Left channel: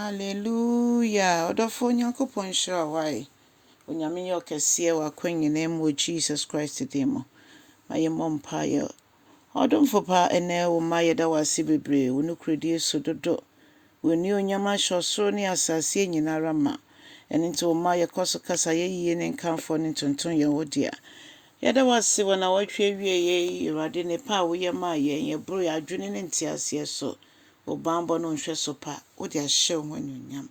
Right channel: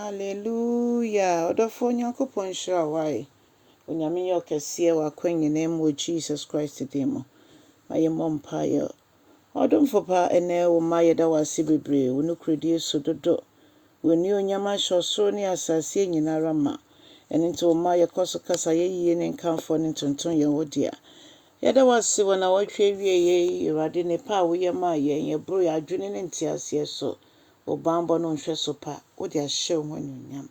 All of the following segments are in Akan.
Hallelujah. Odofo Nyankopon shira wai. Onyame ye okese wa kwanyene mo Jesus Christ demo. Maye mompaye. Odomfo pa ene wo maye da wase bebre. Wo no kredi sododo. Woni onyama hwosoro ne asase nyinara ma. Ene nti wo maye koso kasa ye yie ne nkanfo ne tonton ye wodia. Yada wase wona watwe wie ye Awurade ne pa wo ye ma ye bro ya adwene ne ntiase so. Obambo no nhwe so pa wo de ahye wo nyam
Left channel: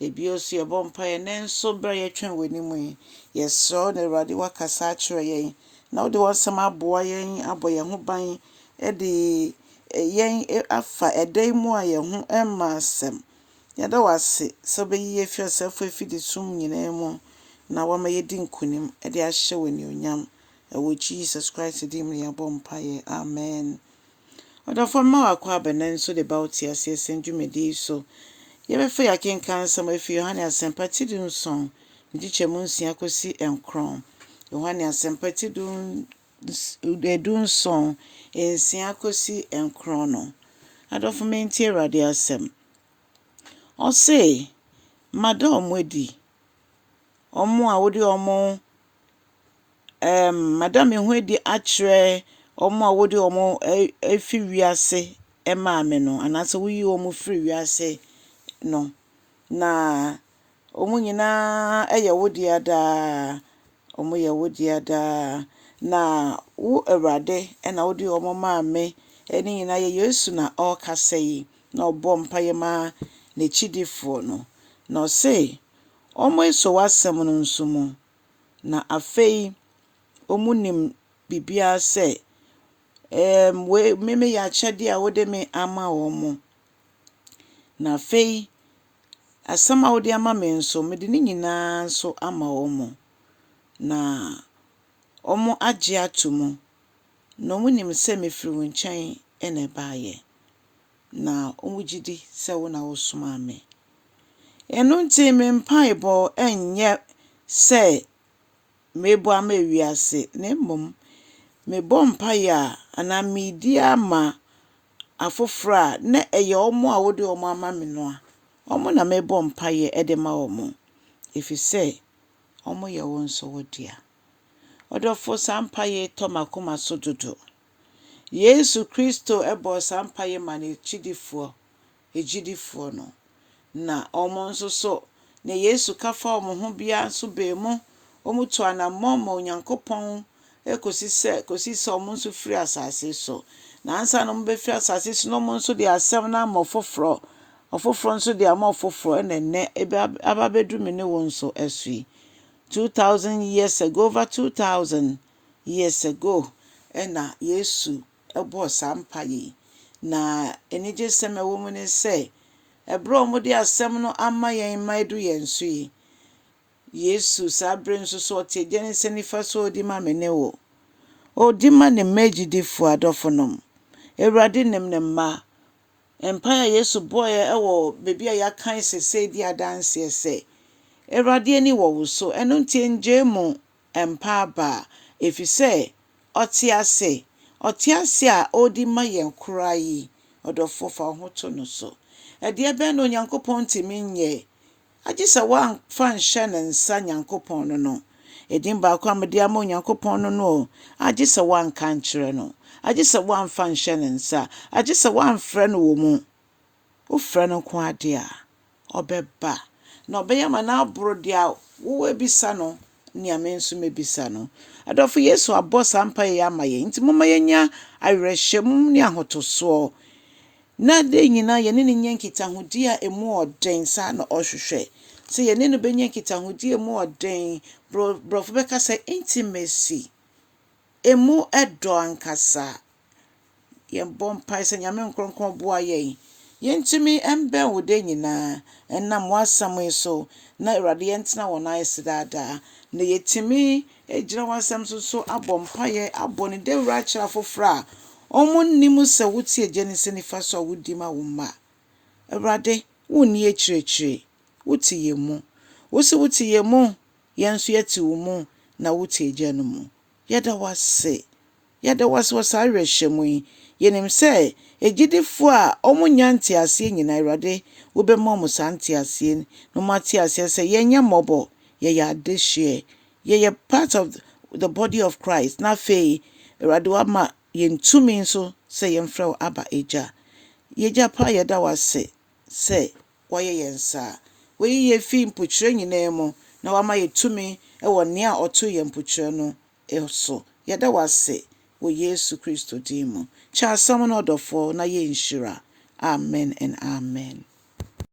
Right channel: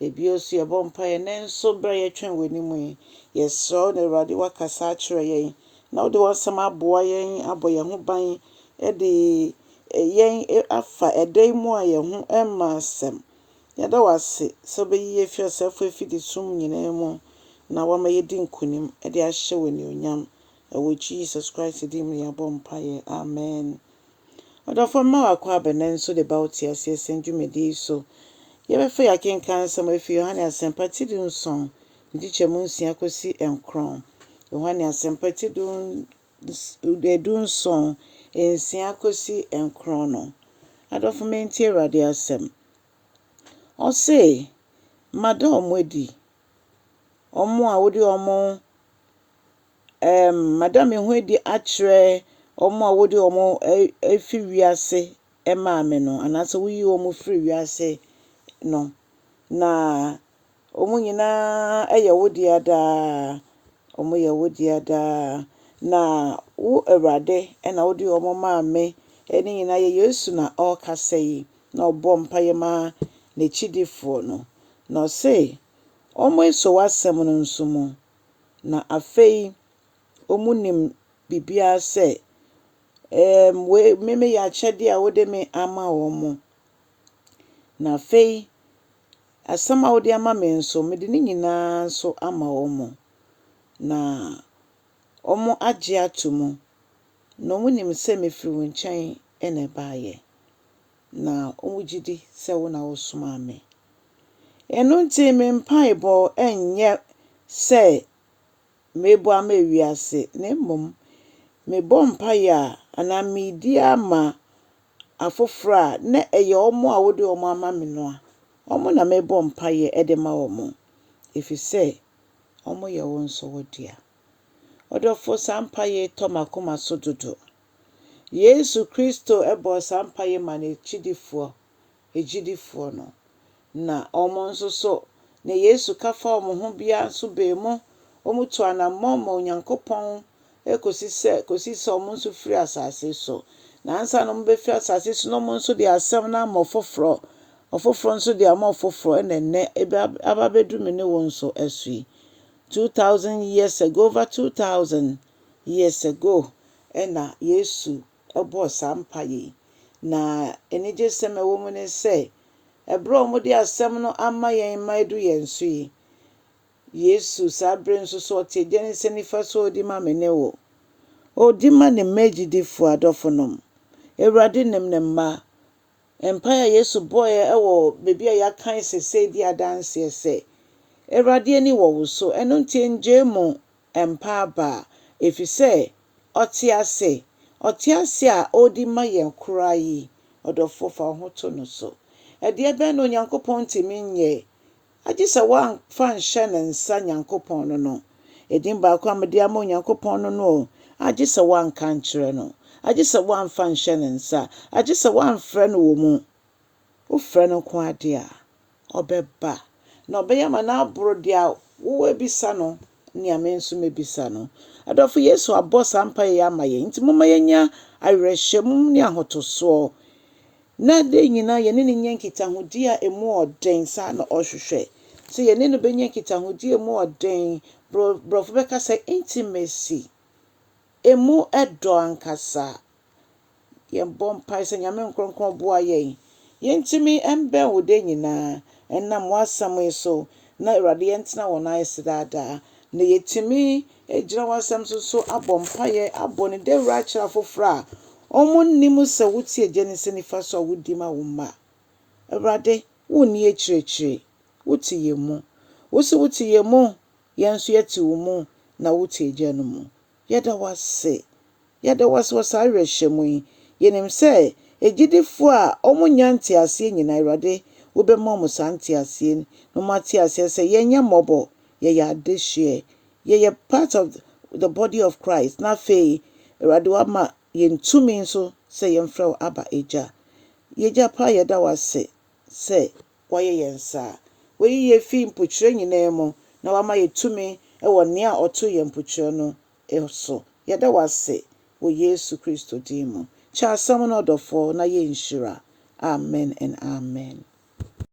ebio so ye bompa ye nenso bra ye twen wanimu ye so na Awurade wakasa akire ye na wo de wasam aboa ye aboye ho ban e de ye afa edai mu aye ho emma asem yada wase so be ye fi osefo fidi sum nyina mu na wo ma ye di nkunim e de ahye wo nyam e wo Jesus Christ di me ye bompa ye amen. Odofo ma akwa banan so de bauti ase senjumedi so yebefa yakenkan sama fi Yohane Asɛmpa tidun son ndi chemu nsia kosi enkron Yohane Asɛmpa tidun edun son ensia kosi enkron no adofo menti Awurade asɛm o say madam wedi omo a wodi omo madam ehudi akre omo a wodi omo efi wiase emaame no anase wuyi omo free wiase no na omo nyina eye wodi ada omo ye wodi ada na wo Awurade na wodi omo maame eni nyina ye Yesu na o kasai na obo mpaye ma na chidifo no na say omo eso wasem no nsumo na afei omunim bibia se we meme ya chede a wode me ama omo na fei asama wode ama me nso me de ni nyina so ama omo na omo agye atomu no munim se me firi wo nkyɛn ene baaye na omo gidi se wo na wo soma me eno nti me mpaebo enye se mebo ama wiase na mmom me bompa ya ana medi ama afofra na eye omo a wode omo ama me no a omo na me bompa ye edema omo efise omo ye wonso wodia odofo sampa ye tomakoma sododo Yesu Kristo ebo sampa ye mane chidifo ejidifo no na omo nso so na Yesu kafa omo ho bia so be mu omo to anamma Onyankopɔn kosi se omo nso firi asase so na ansa no mbe firi asase so no omo nso de asem na ma ofofro nso de ama ofofro ene ababedu me ne wonso asui 2000 years ago over 2000 years ago ena Yesu ebo sampa yi na enije seme wo mu ne se ebro omo de asem no ama yen maidu yen sui Yesu sabre nso so te jenese nifa so di ma mene wo o di ma ne magidifo adofonom Awurade nem ne ma empire Yesu boy ewo bebi a yakan sese di adanse se Awurade ani wo so eno ntie njemu empa ba efise otiase a odi ma yen kurai odofo fa ho to no so ede be no Nyankopɔn timi nye agisa wan fan shenen sa Nyankopɔn no edin ba kwa mede ama Nyankopɔn no agisa wan kan kire no agisa wan fan shenen sa agisa wan frɛ no wo mu wo frɛ no ko ade a obeba na obeyama na abro dia wo ebisa no nia me nso mebisa no adofo Yesu abɔ sampa ye ama ye nti moma yenya awerɛhyɛm ne ahotoso na de nyina ye ne nyankita hodi a emu oden sa na ohwehwɛ se ye ne no benya kita hodi emu oden brofo beka say intimacy emu edo ankasa ye bompa se nyame nkronkron boa ye yentimi embe wode nyina enam wasam so na Awurade yentena wona yesidada na yetimi ejira wasam so abompa ye abone de wura kira fofra omo nnimu se wuti ejenise nifa so wudi ma woma Awurade woni ekirekire wuti yemu wuti yemu yenso yeti wo mu na wuti ejanu mu yeda wase wasarehwemu yenim se ejidifo a omo nyanti ase nyina Awurade wobɛma mo santi asie no mate asie say yenya mobo ye ya adehye ye part of the body of Christ na fe Awurade wa ma yentumi nso say yemfrɛ wo aba eja yeja pa yeda wase say woyɛ yensa we ye fi mpotwere nyina mu na wa ma yetumi wɔ nea ɔto yɛ mpotwere no so yeda wase wo Yesu Kristo din mu cha asɛm no ɔdɔfo na yenhyira amen and amen.